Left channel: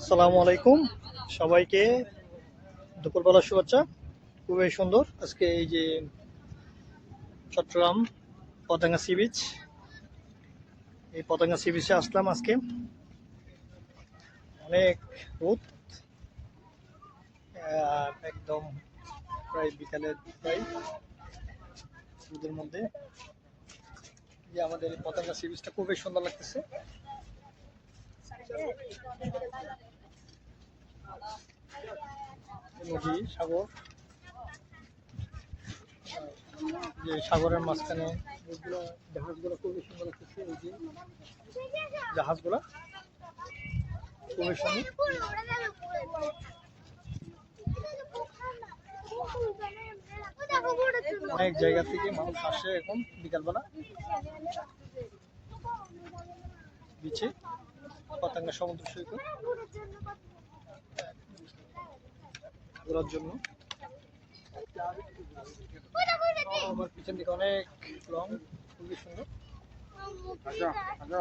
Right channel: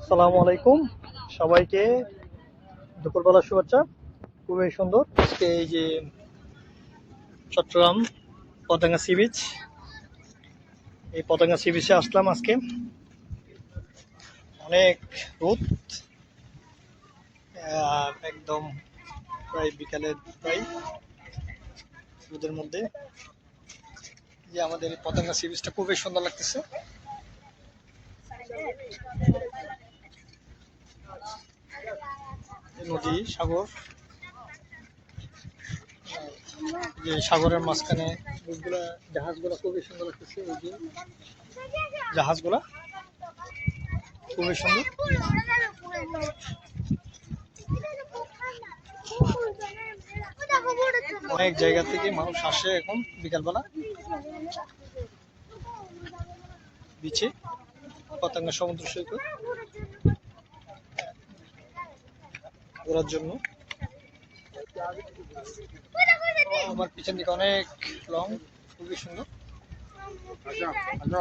আসসালামু আলাইকুম। সবাইকে দুপুরবেলা শুভেচ্ছা। খুবই সুন্দর। আজকে এই যে চট্টগ্রাম পতেঙ্গা সি বিচ, এই পতেঙ্গা সি বিচে আসলাম আজকে। অনেক রোদ একদম প্রায় বিকালের প্রায় রোদের মধ্যে। যে আমাদের এই পতেঙ্গা সি বিচটা খুবই সুন্দর লাগতেছে। নদী, সাগর। যে সাগরের মাঝখানে ওইগুলা জাহাজগুলো খুবই সুন্দর লাগতেছে এই যে। জাহাজগুলা? খুবই সুন্দর। অনেক জায়গা থেকে মানুষ আসে এখন বিকালবেলা। বিচে পতাঙ্গা সমুদ্র সৈকত। ঘোরার জন্য। আমার পিছন দিকে অনেক লং খুবই সুন্দর। আচ্ছা আচ্ছা।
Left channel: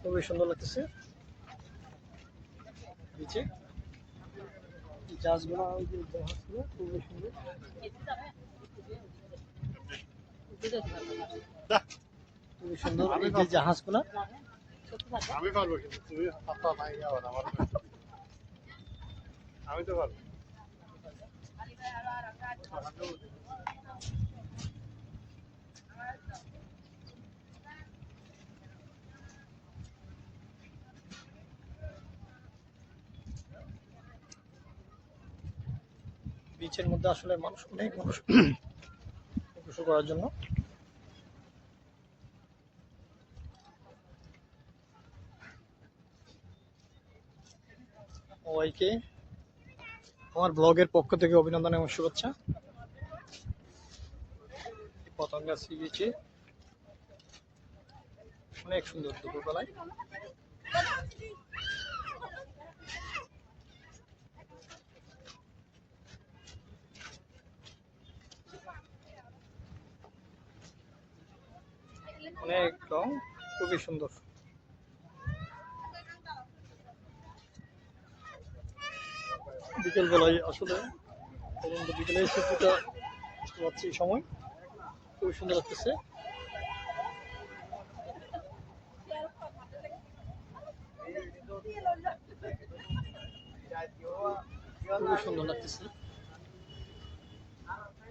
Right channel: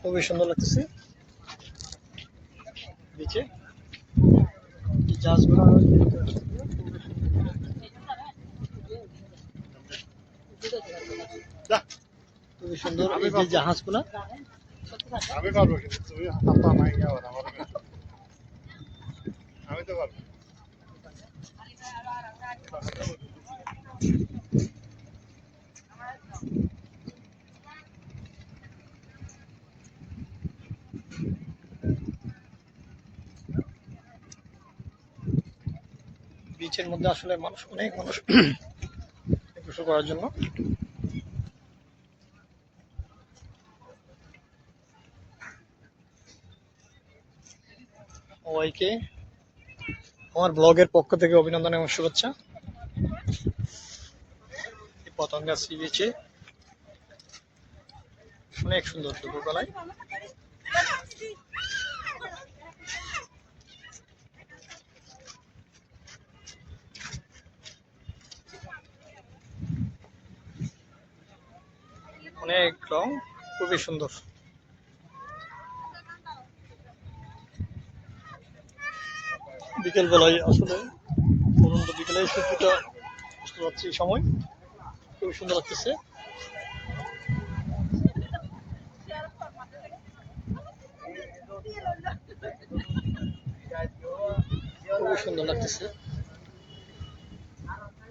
খুবই সুন্দর লাগতেছে। বিচে এই জাহাজগুলো খুবই সুন্দর। খুবই সুন্দর। এই যে জাহাজগুলা। আমি পারব কিন্তু তুমি হাতা নাই আমার আমি তো পারব। বিচের মধ্যে আসলে মানুষ অনেক মানুষ গোসল করার জন্য। সবাইকে আমার ব্লগের পক্ষ থেকে অভিনন্দন এবং শুভেচ্ছা। পতঙ্গা সি বিচে অনেক সুন্দর দুপুরবেলায়। অনেক রং, খুবই সুন্দর। বিকেল বেলায় আসলে অনন্ত বিকেলে সূর্যটা বুঝতে পারছি সময়। খুবই সুন্দর লাগতেছে। খুবই সুন্দর লাগতেছে।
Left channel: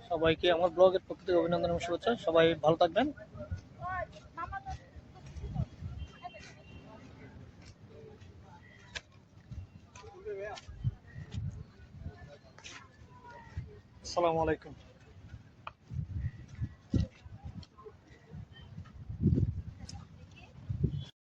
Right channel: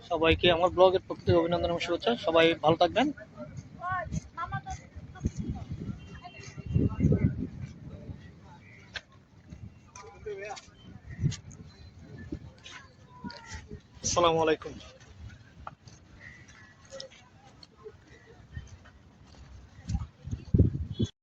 সবাইকে আমার ব্লগের পক্ষ থেকে অভিনন্দন এবং শুভেচ্ছা। সবাই ভালো থাকবেন। আসসালামু আলাইকুম।